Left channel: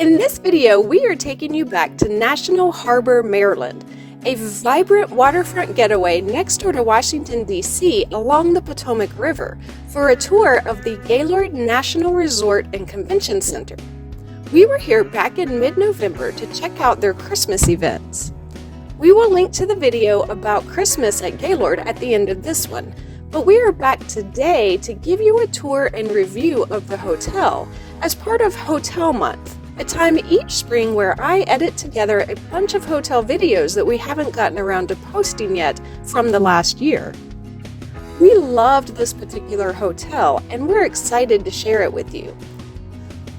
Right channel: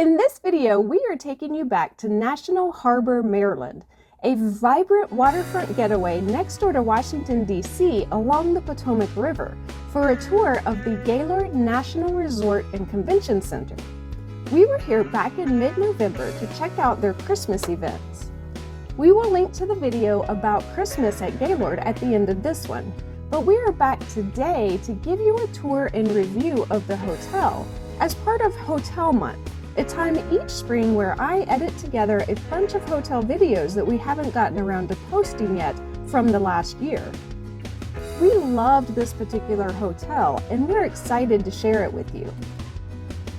In this video, we are taking you back to National Harbor, Maryland, a vibrant waterfront getaway next door to Washington, D.C. along the Potomac River for a tour of the Gaylord National Resort and Convention Center. We were here back in mid-November to check out their Christmas events. We will link to the video about Christmas at Gaylord at the end of this one, but we are back today to give you a tour and review of the hotel as part of Hotel Month, a time each spring where I edit together a bunch of hotel videos that we haven't gotten around to posting yet from the last year. We loved this particular hotel and we're excited to share it with you.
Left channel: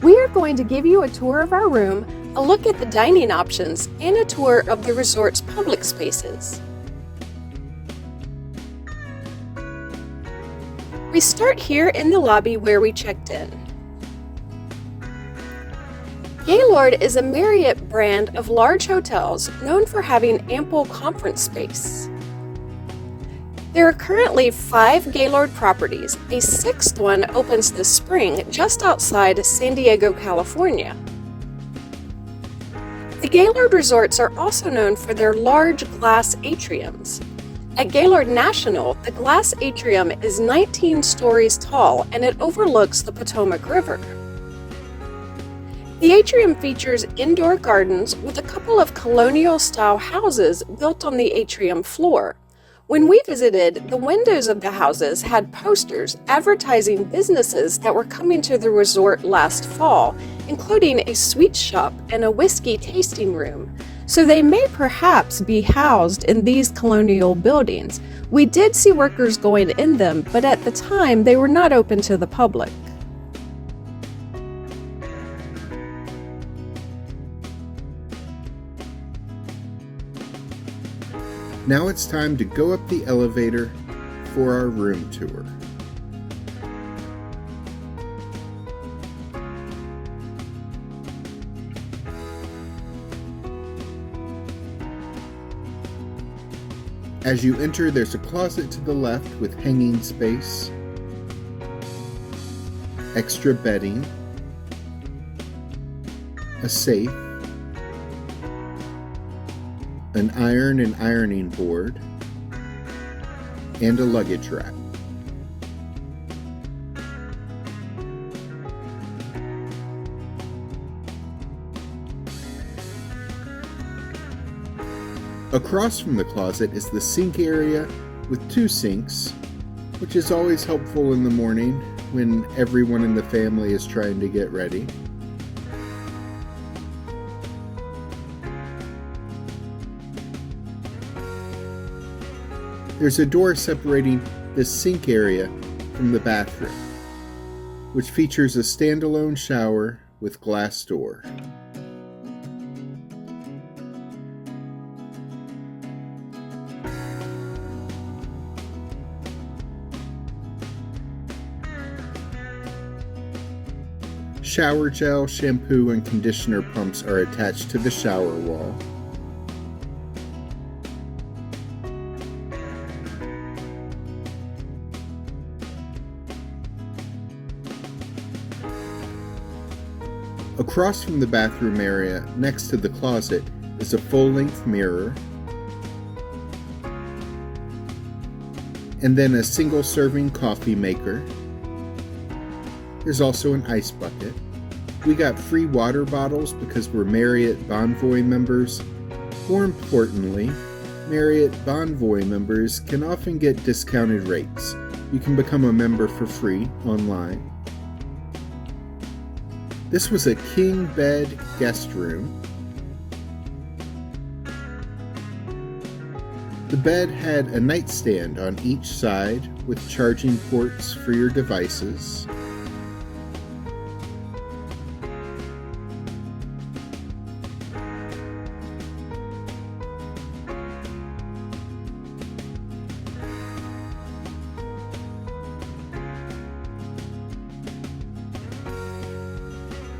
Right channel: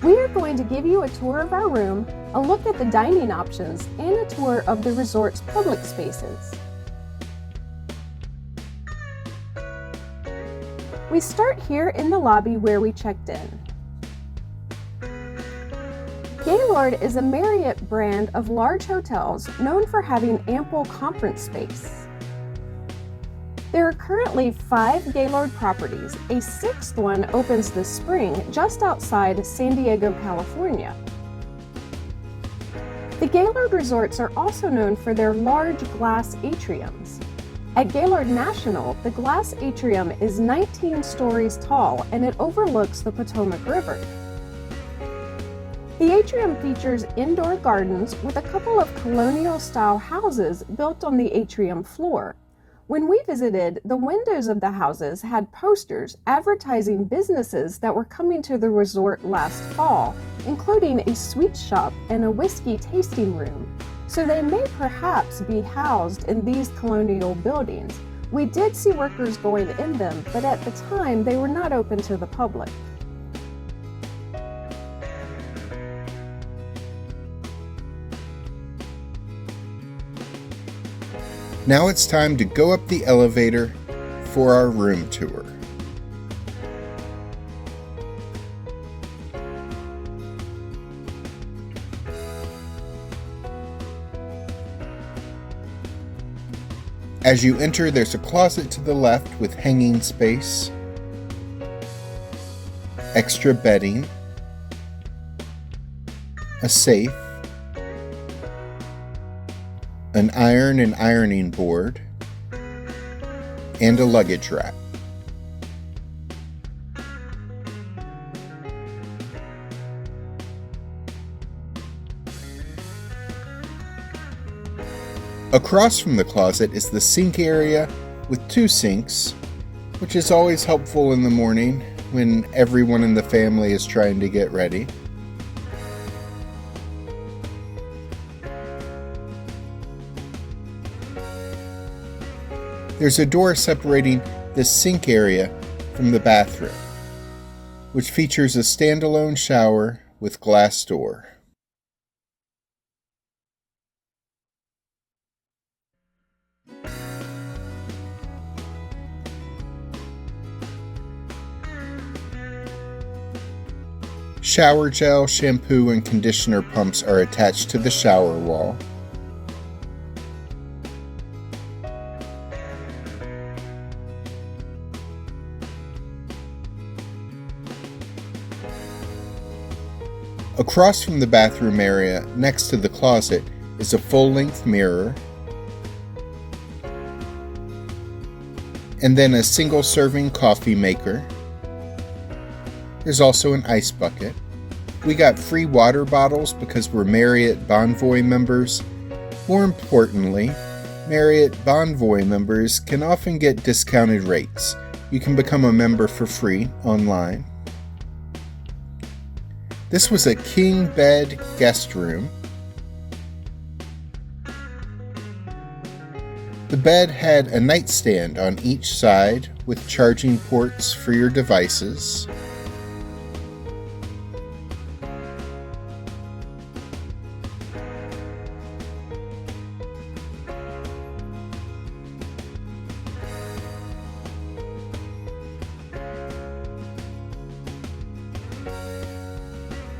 We are going to give you a tour of our room, a look at the dining options, and a tour of the resort's public spaces. We start here in the lobby where we checked in. Gaylord is a Marriott brand of large hotels known for having ample conference space. There are currently 5 Gaylord properties. A 6th one opens this spring just outside San Diego, California. The Gaylord resorts are also known for their large glass atriums. At Gaylord National, the glass atrium is 19 stories tall and it overlooks the Potomac River. The atrium features indoor gardens with a couple of colonial-style houses built on the atrium floor. When we visited, the windows of the houses had posters advertising businesses that were coming to the resort last fall, including a sweet shop and a whiskey tasting room. So they may perhaps be housed in these colonial buildings. We did see workers going in them, but at the time they were not open to the public. Now it's time to go up the elevator for our room tour. As you enter, there's a closet to the left with hanging space, extra bedding, a safe, an iron and ironing board, and a luggage rack. Across from the closet is the sink area with 2 sinks, which is always helpful in the morning when everyone in the family is trying to get ready. There's a door separating this sink area from the bathroom, which features a standalone shower with glass door. Shower gel, shampoo, and conditioner pumps are attached to the shower wall. Across from the bathroom area, next to the closet, is a full-length mirror, and then a single-serving coffee maker. There's also an ice bucket. We got free water bottles because we're Marriott Bonvoy members. More importantly, Marriott Bonvoy members can often get discounted rates. You can become a member for free online. This was a king bed guest room. The bed had a nightstand on each side with charging ports for your devices.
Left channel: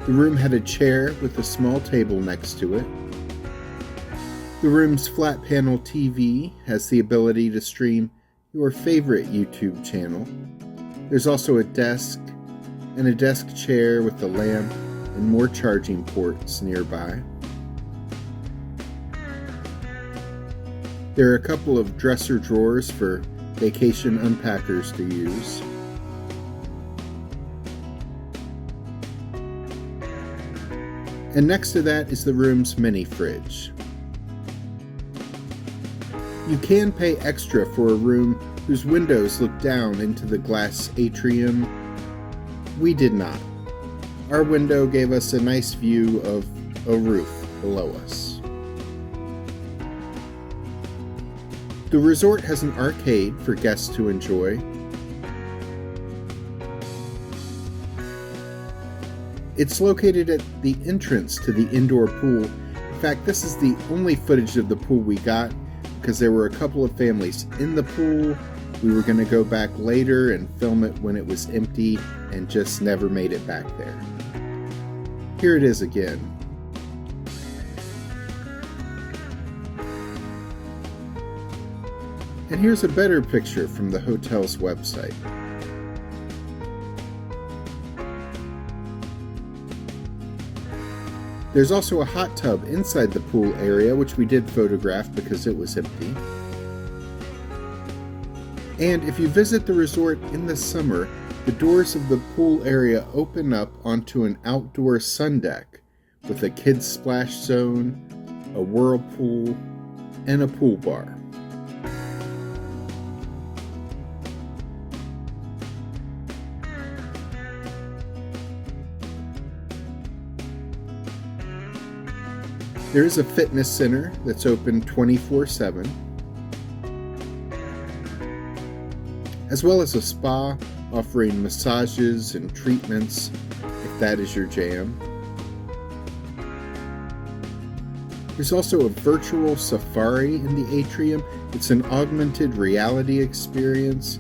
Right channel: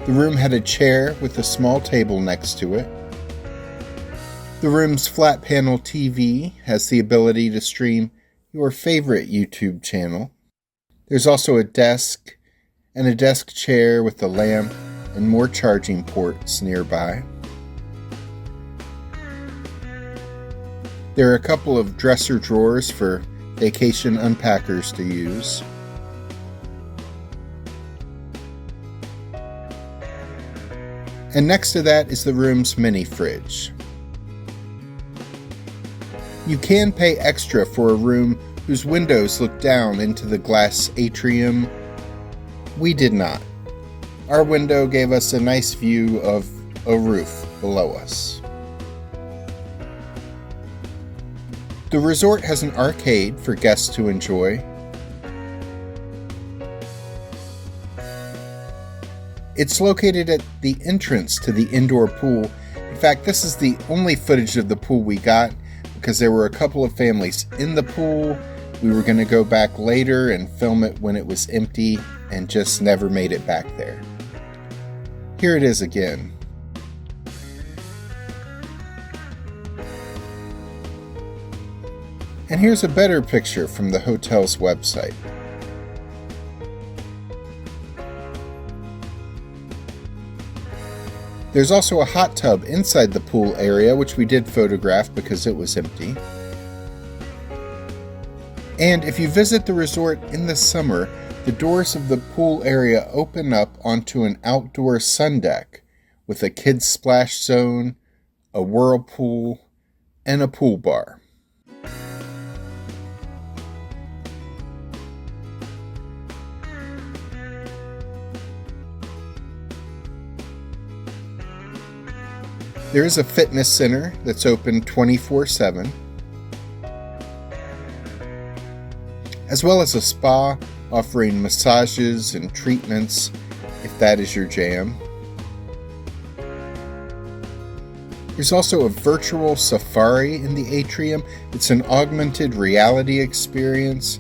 The room had a chair with a small table next to it. The room's flat panel TV has the ability to stream your favorite YouTube channel. There's also a desk and a desk chair with a lamp and more charging ports nearby. There are a couple of dresser drawers for vacation unpackers to use. And next to that is the room's mini fridge. You can pay extra for a room whose windows look down into the glass atrium. We did not. Our window gave us a nice view of a roof below us. The resort has an arcade for guests to enjoy. It's located at the entrance to the indoor pool. In fact, this is the only footage of the pool we got because there were a couple of families in the pool. We were going to go back later and film it when it was empty and just never made it back there. Here it is again. And here's a better picture from the hotel's website. There's also a hot tub inside the pool area, which we did photograph because it was empty. And if you visit the resort in the summer, the doors of the pool area open up onto an outdoor sun deck with a kids' splash zone, a whirlpool, and a pool bar. There is a fitness center that's open 24/7, as well as a spa offering massages and treatments if that is your jam. There's also a virtual safari in the atrium. It's an augmented reality experience.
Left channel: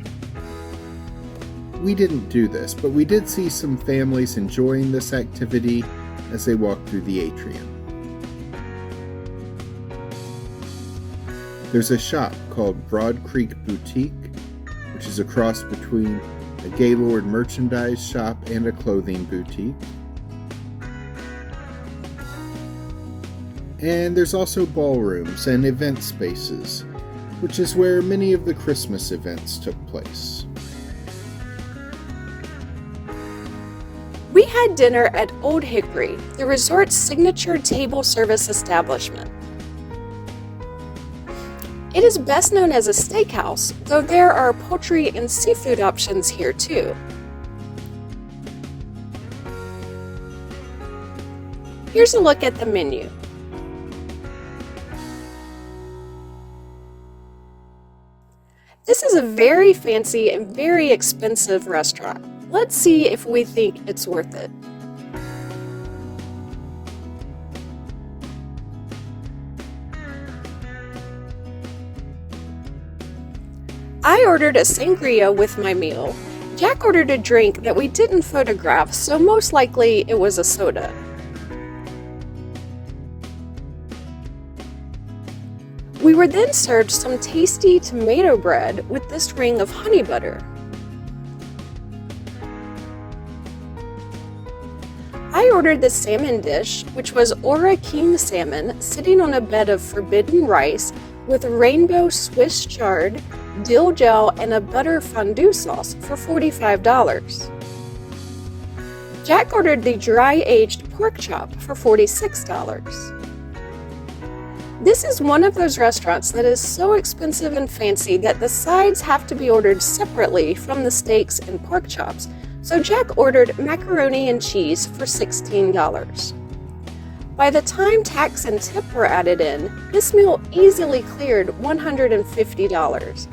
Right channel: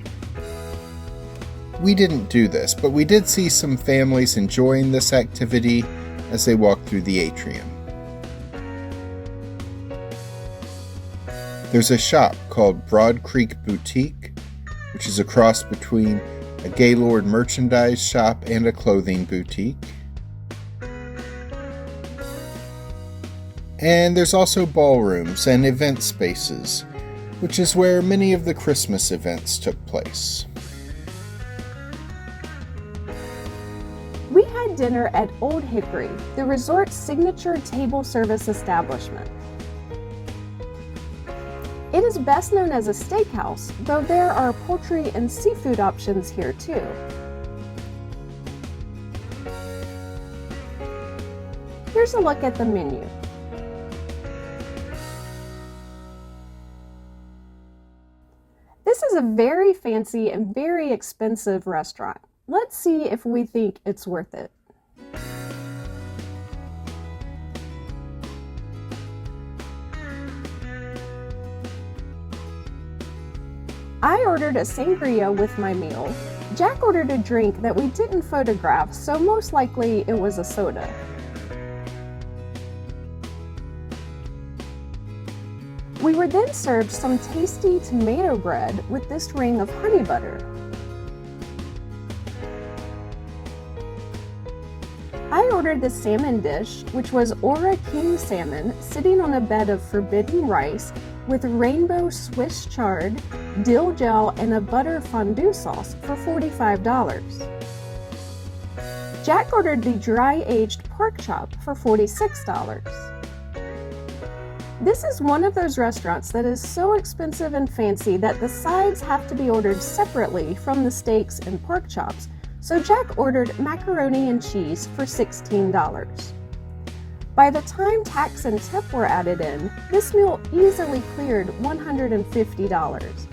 We didn't do this, but we did see some families enjoying this activity as they walked through the atrium. There's a shop called Broad Creek Boutique, which is a cross between a Gaylord merchandise shop and a clothing boutique. And there's also ballrooms and event spaces, which is where many of the Christmas events took place. We had dinner at Old Hickory, the resort's signature table service establishment. It is best known as a steakhouse, though there are poultry and seafood options here too. Here's a look at the menu. This is a very fancy and very expensive restaurant. Let's see if we think it's worth it. I ordered a sangria with my meal. Jack ordered a drink that we didn't photograph, so most likely it was a soda. We were then served some tasty tomato bread with this ring of honey butter. I ordered the salmon dish, which was Ora king salmon sitting on a bed of forbidden rice with rainbow Swiss chard, dill gel, and a butter fondue sauce for $45. Jack ordered the dry-aged pork chop for $46. This is one of those restaurants that is so expensive and fancy that the sides have to be ordered separately from the steaks and pork chops, so Jack ordered macaroni and cheese for $16. By the time tax and tip were added in, this meal easily cleared $150.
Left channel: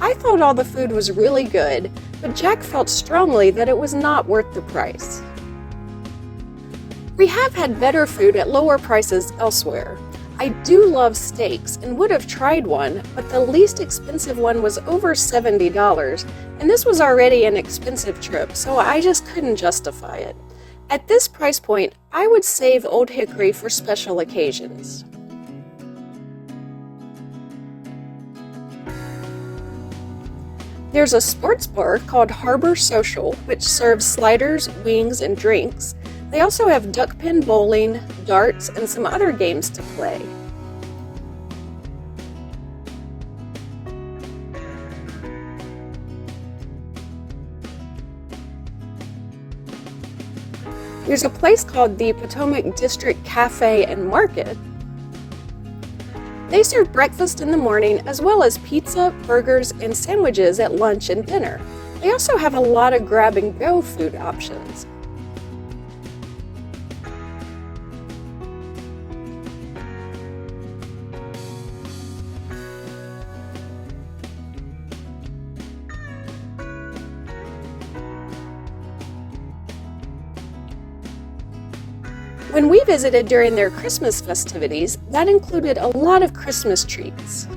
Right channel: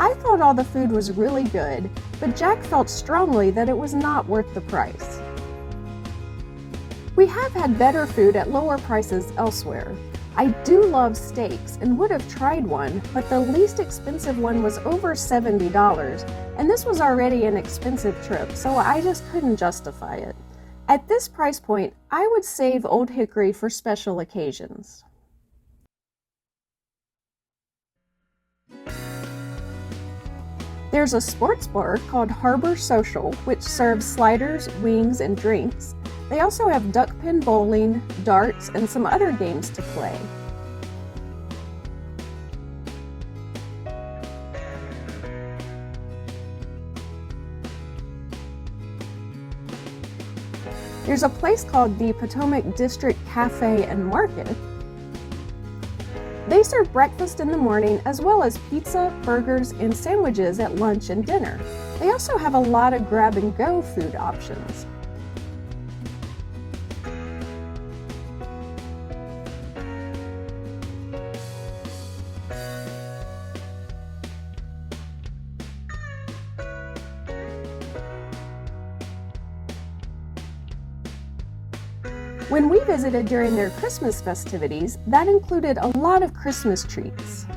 I thought all the food was really good, but Jack felt strongly that it was not worth the price. We have had better food at lower prices elsewhere. I do love steaks and would have tried one, but the least expensive one was over $70, and this was already an expensive trip, so I just couldn't justify it. At this price point, I would save Old Hickory for special occasions. There's a sports bar called Harbor Social, which serves sliders, wings, and drinks. They also have duck pin bowling, darts, and some other games to play. There's a place called the Potomac District Cafe and Market. They serve breakfast in the morning as well as pizza, burgers, and sandwiches at lunch and dinner. They also have a lot of grab-and-go food options. When we visited during their Christmas festivities, that included a lot of Christmas treats.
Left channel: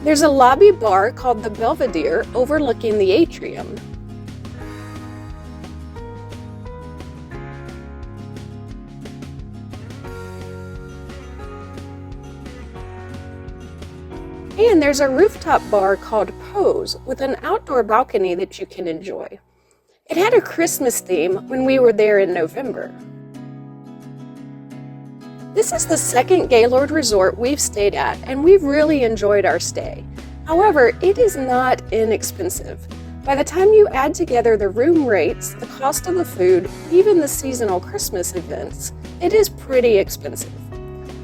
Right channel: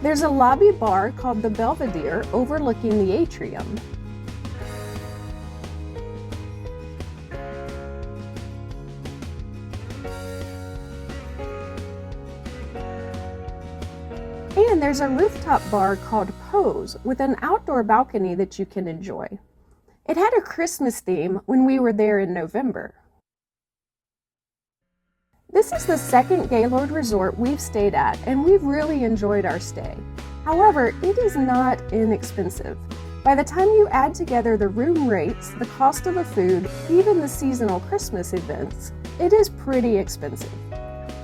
There's a lobby bar called the Belvedere overlooking the atrium. And there's a rooftop bar called Pose with an outdoor balcony that you can enjoy. It had a Christmas theme when we were there in November. This is the second Gaylord resort we've stayed at, and we've really enjoyed our stay. However, it is not inexpensive. By the time you add together the room rates, the cost of the food, even the seasonal Christmas events, it is pretty expensive.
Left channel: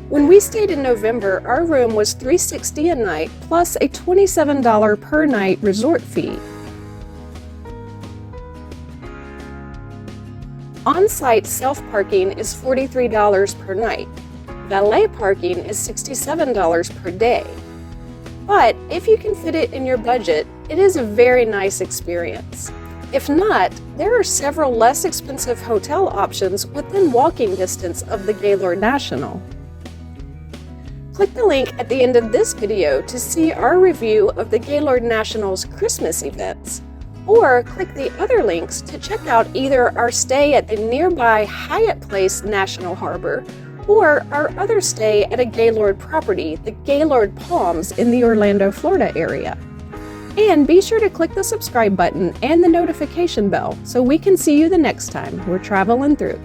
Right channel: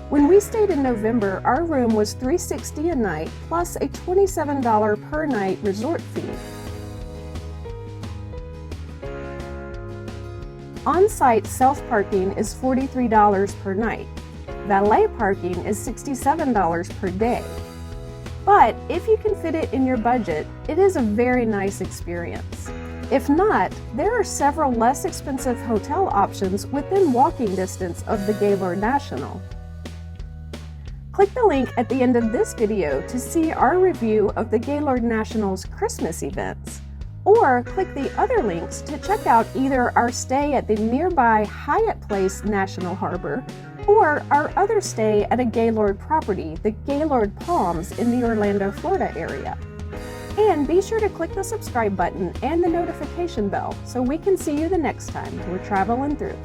When we stayed in November, our room was $360 a night plus a $27 per night resort fee. On-site self-parking is $43 per night. Valet parking is $67 per day. But if you can fit it in your budget, it is a very nice experience. If not, there are several less expensive hotel options within walking distance of the Gaylord National. Click the link at the end of this video to see our review of the Gaylord National's Christmas events, or click the other links to check out either our stay at the nearby Hyatt Place National Harbor or our other stay at a Gaylord property, the Gaylord Palms in the Orlando, Florida area. And be sure to click the subscribe button and the notification bell so we can see you the next time we're traveling through.